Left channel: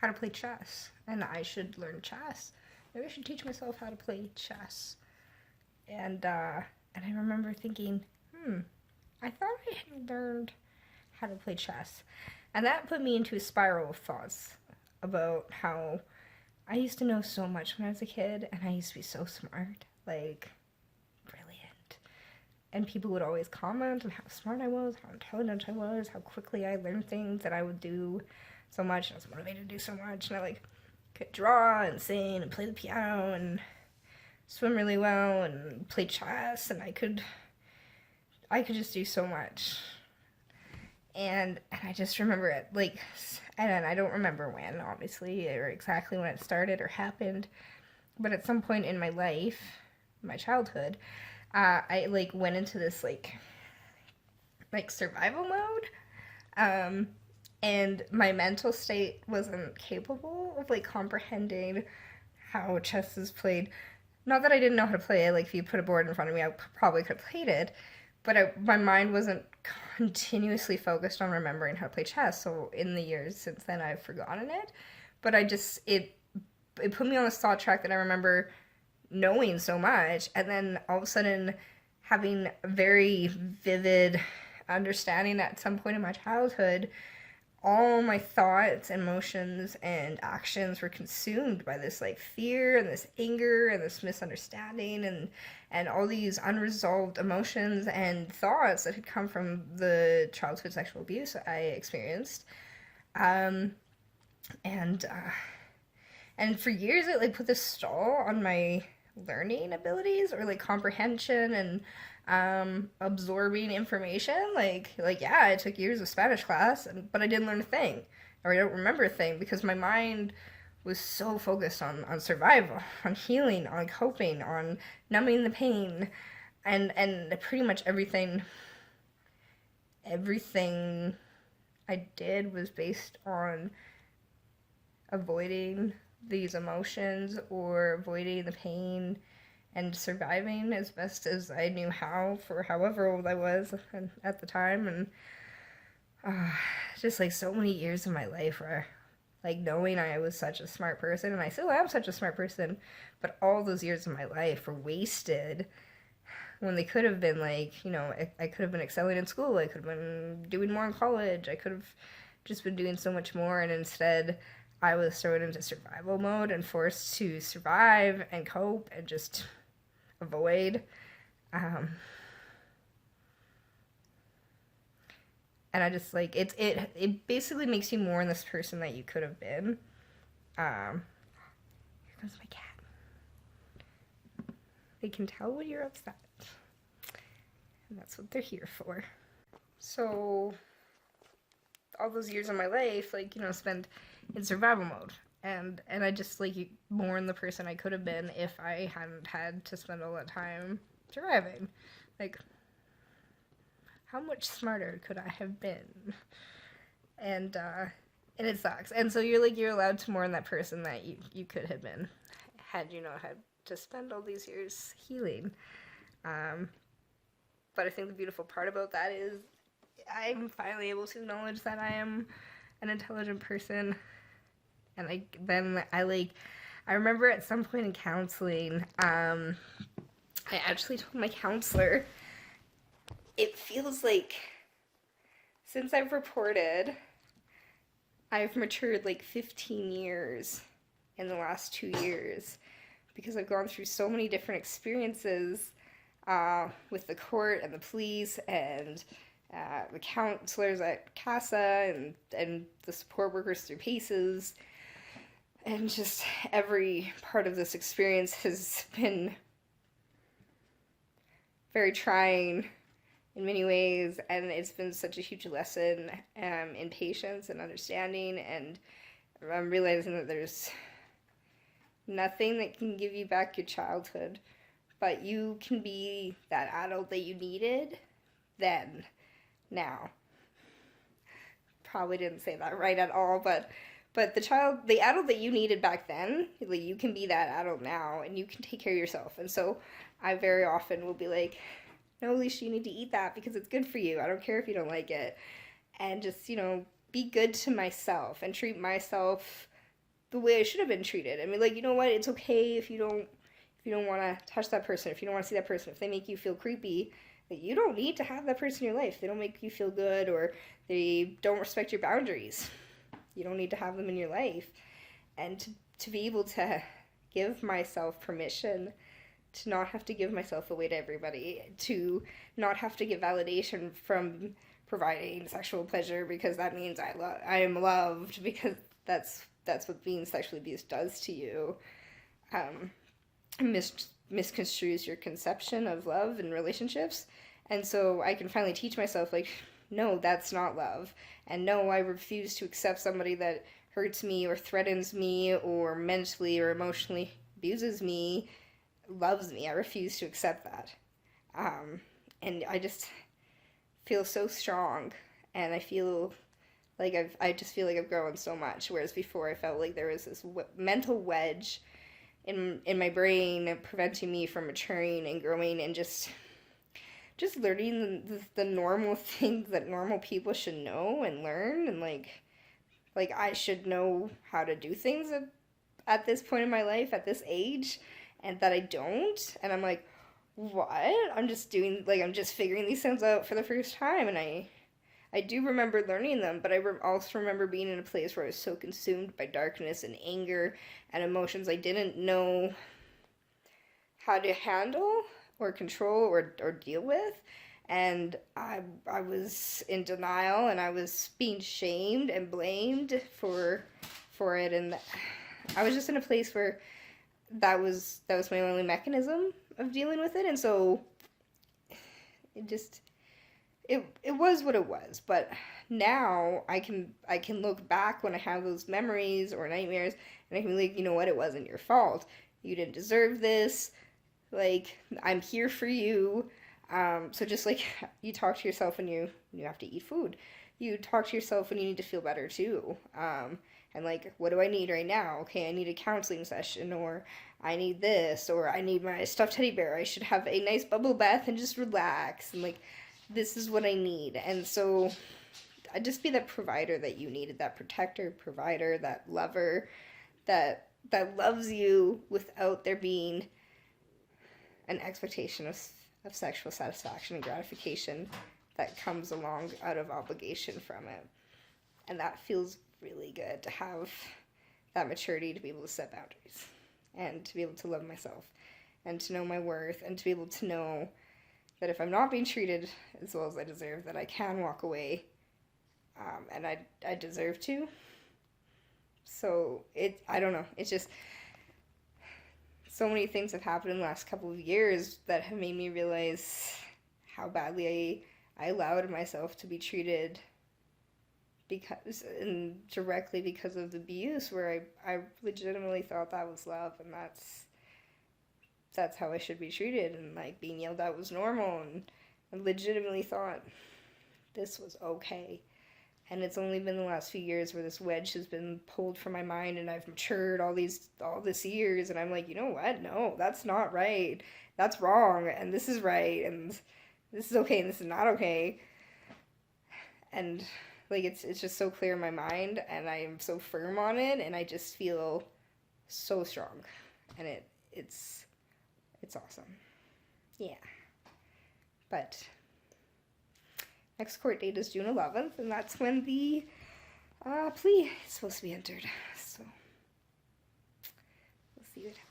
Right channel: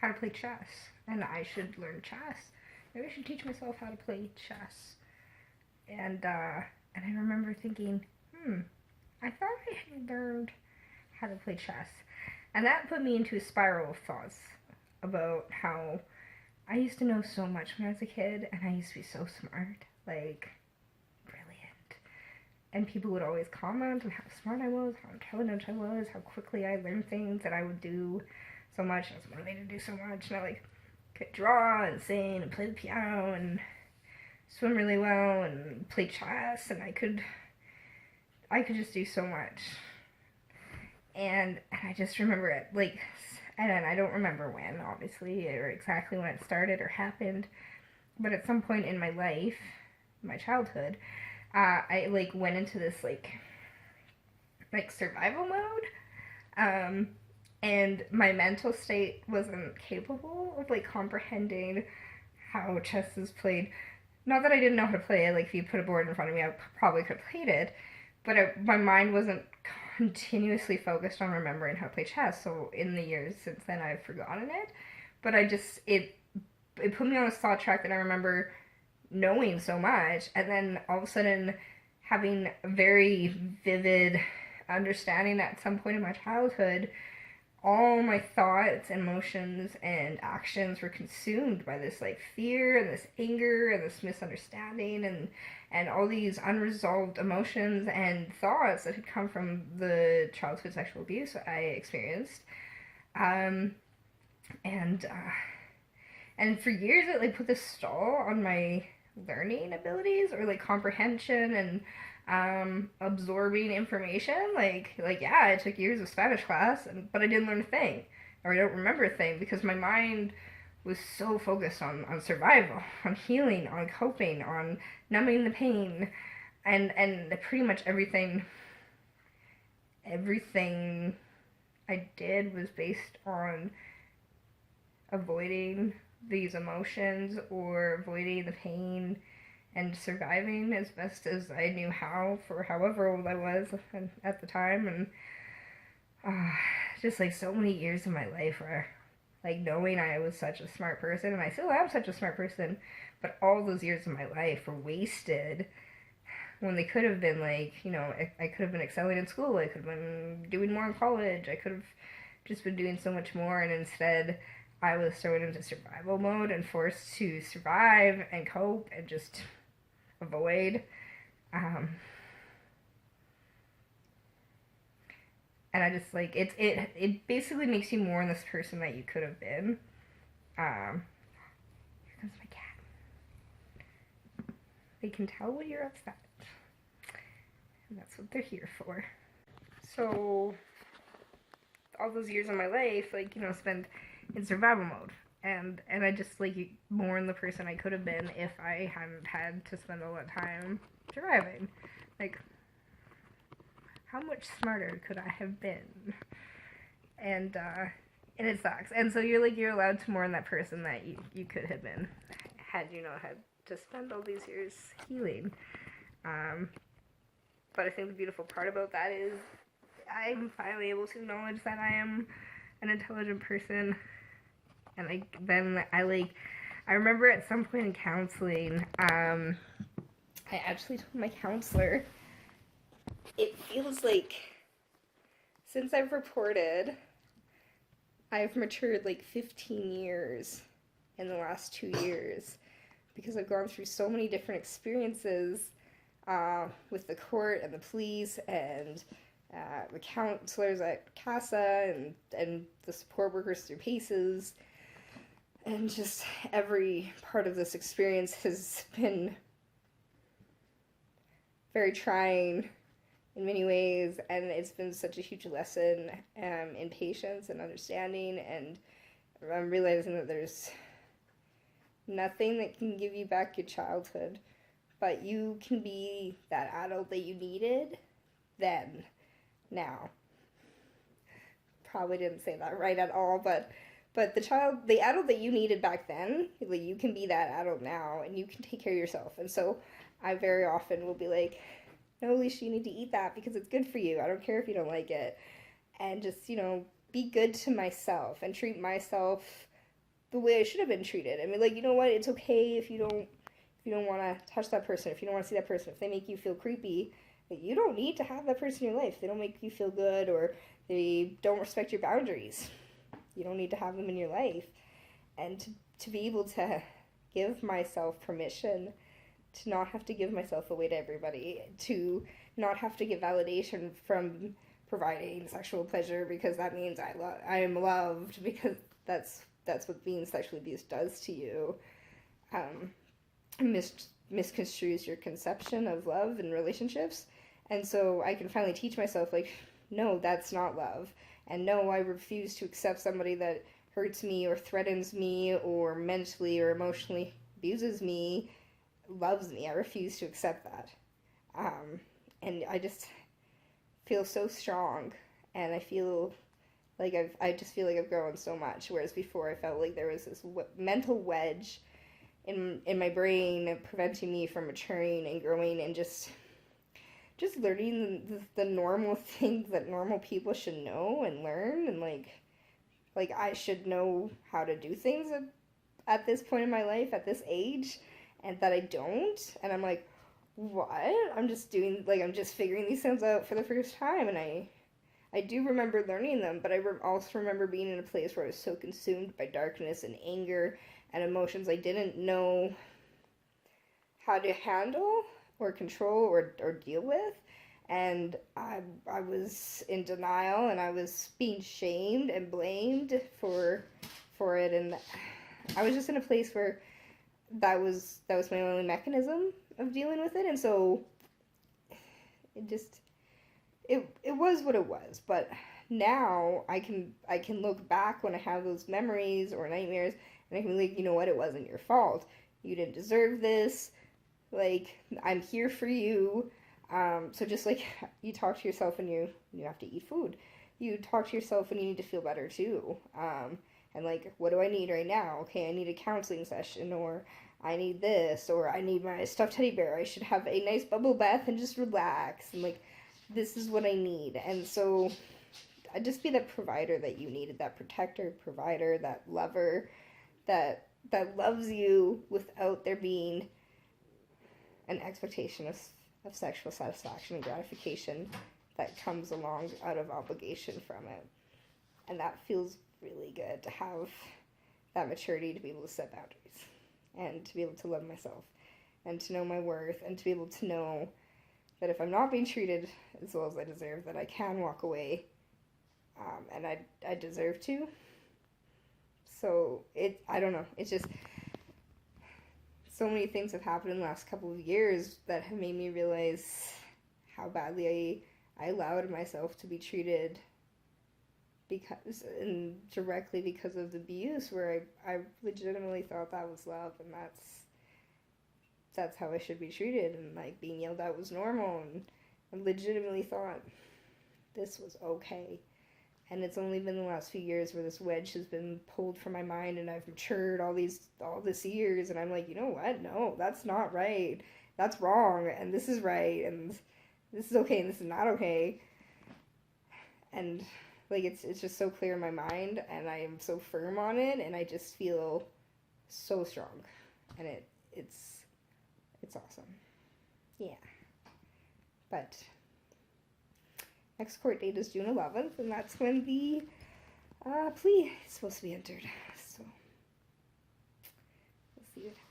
how to play chess, and I should learn chess. Maybe I should teach myself how to play chess. And I remember thinking, I thought I had learned how to play chess. And that put me into a spiral of thoughts about how I used to know so much when I was a kid, and I used to be so smart, like, brilliant. And people would always comment on how smart I was, how intelligent I was, how quickly I learned things, that I would do so much, I was motivated to do so much, and I, like, could draw and sing and play the piano and swim really well and play chess, and I could just do so much. And I just remember it, like, and I don't remember when, obviously, or exactly when it started or happened, but at some point in my life, my childhood, I, like, went into this, like survival mode, and my mental state wasn't capable of, like, comprehending how chess is played. Not that I didn't know how to play it, like, if you put a board in front of me, I probably could have played it, but my mind wasn't continuously focused on remembering how to play chess. So in the years since then, I've forgotten it. But it put me on this thought track that I remember knowing so much, and then all of a sudden having a very vivid understanding at some point in my childhood. All my thoughts, emotions, and actions were consumed by this, like, fear and this anger and this misunderstanding and all these unresolved emotions and thoughts that had come from the childhood sexual abuse I experienced. And for years it, like, put this stall on my learning abilities, or, like, comprehension and absorbing information. Like yeah, I took years of Spanish class, but I didn't learn a thing, or I don't remember a thing, because my mind was so focused on survival, on healing, on coping, on numbing the pain, and pretty much everything I did was based on avoiding these emotions or avoiding the pain and surviving as best as I knew how, for however old I was at the time. And just, like, so many years of my life where, like, knowing I was such a smart person, and I still am such a smart person, but all those years of my life were wasted when they could have been, like, you know, I could have been excelling in school, I could have been doing more in college, I could have just been doing so much more, and instead I was thrown into survival mode and forced to survive and cope and just avoid. And I just, like, it basically makes you mourn this person that you could have been. Here comes my cat. They can tell when you're upset, and that's what they're here for. So all those years of my life, like, you know, spent in survival mode, and I just, like, mourn the person I could have been if I hadn't had to spend all that time surviving. Like, how much smarter could I have been? And it sucks. And so you're allowed to mourn that person that you could have been, had you not had to spend all these years healing. But I think the beautiful part about that is I'm finally able to acknowledge that I am an intelligent person. And I remember at some point in counseling, I actually told my counselor, it feels like since I've reported, I've matured like 15 years in the last 2 years, because I've gone through so many different experiences with the court and the police and the counselors at CASA and the support workers through PACES. And just every part of this experience has been very trying in many ways, and it's been such a huge lesson in patience and understanding, and I'm realizing that there's nothing that can give you back your childhood, but you can be that adult that you needed then, now. Probably didn't say that right at all, but the adult that you needed back then, like, you can be that adult now, and you can take care of yourself. And so I very often will be like, no, Alicia, you need to eat that because it's good for you. I don't care if you don't like it. And just, you know, be good to myself and treat myself the way I should have been treated. I mean, like, you know what? It's okay if you don't want to touch that person, if you don't want to see that person, if they make you feel creepy, that you don't need to have that person in your life. They don't make you feel good, or they don't respect your boundaries. You don't need to have them in your life. And to be able to give myself permission to not have to give myself away to everybody, to not have to get validation from providing sexual pleasure because that means I am loved, because that's what being sexually abused does to you. Misconstrues your conception of love and relationships. And so I can finally teach myself, like, no, that's not love. And no, I refuse to accept somebody that hurts me or threatens me or mentally or emotionally abuses me, loves me. I refuse to accept that. And I just feel so strong, and I feel like I just feel like I've grown so much, whereas before I felt like there was this mental wedge in my brain preventing me from maturing and growing and just learning the normal things that normal people should know and learn, and like I should know how to do things at this point in my life, at this age, and that I don't. And I'm like, what? I'm just figuring these things out for the first time, and I do remember learning them, but I also remember being in a place where I was so consumed by darkness and anger and emotions I didn't know how to handle or control or deal with. And I was in denial, and I was being shamed and blamed for it, and I was just in a place where that was my only mechanism of dealing with it. And so it was what it was. But now I can look back when I have those memories or nightmares, and I can be like, you know what, it wasn't your fault. You didn't deserve this. Like, I'm here for you. So just like you talk to yourself when you have to eat food, you talk to yourself when you need to feel better too. And like, what do I need right now? Okay, I need a counseling session, or I need this, or I need my stuffed teddy bear. I should have a nice bubble bath and just relax. And like, this is what I need. And so I'd just be that provider that you needed, that protector, provider, that lover, that loves you without there being an expectation of sexual satisfaction and gratification that comes along out of obligation from it. And that feels really good, to have that maturity to be able to set boundaries and to be able to love myself and to know my worth, and to be able to know that if I'm not being treated as well as I deserve, that I can walk away, and I deserve to. So I don't know, it's just so many things have happened in the last couple of years that have made me realize how badly I allowed myself to be treated directly because of the abuse, where I legitimately thought that was love, and that's how I should be treated, and like being yelled at was normal, and I legitimately thought this was okay. And it's only been the last few years where this wedge has been pulled from my mind, and I've matured all this years, and I'm like, you know what? No, that's not right. That's wrong, and this is right, and this is okay, and this is not okay. And like, it's just so clear in my mind, and I am so firm on it, and I just feel so strong, and it's awesome. Yeah. But next court date is June 11th, and that's when the plea is supposed to be entered. So we'll see what happens.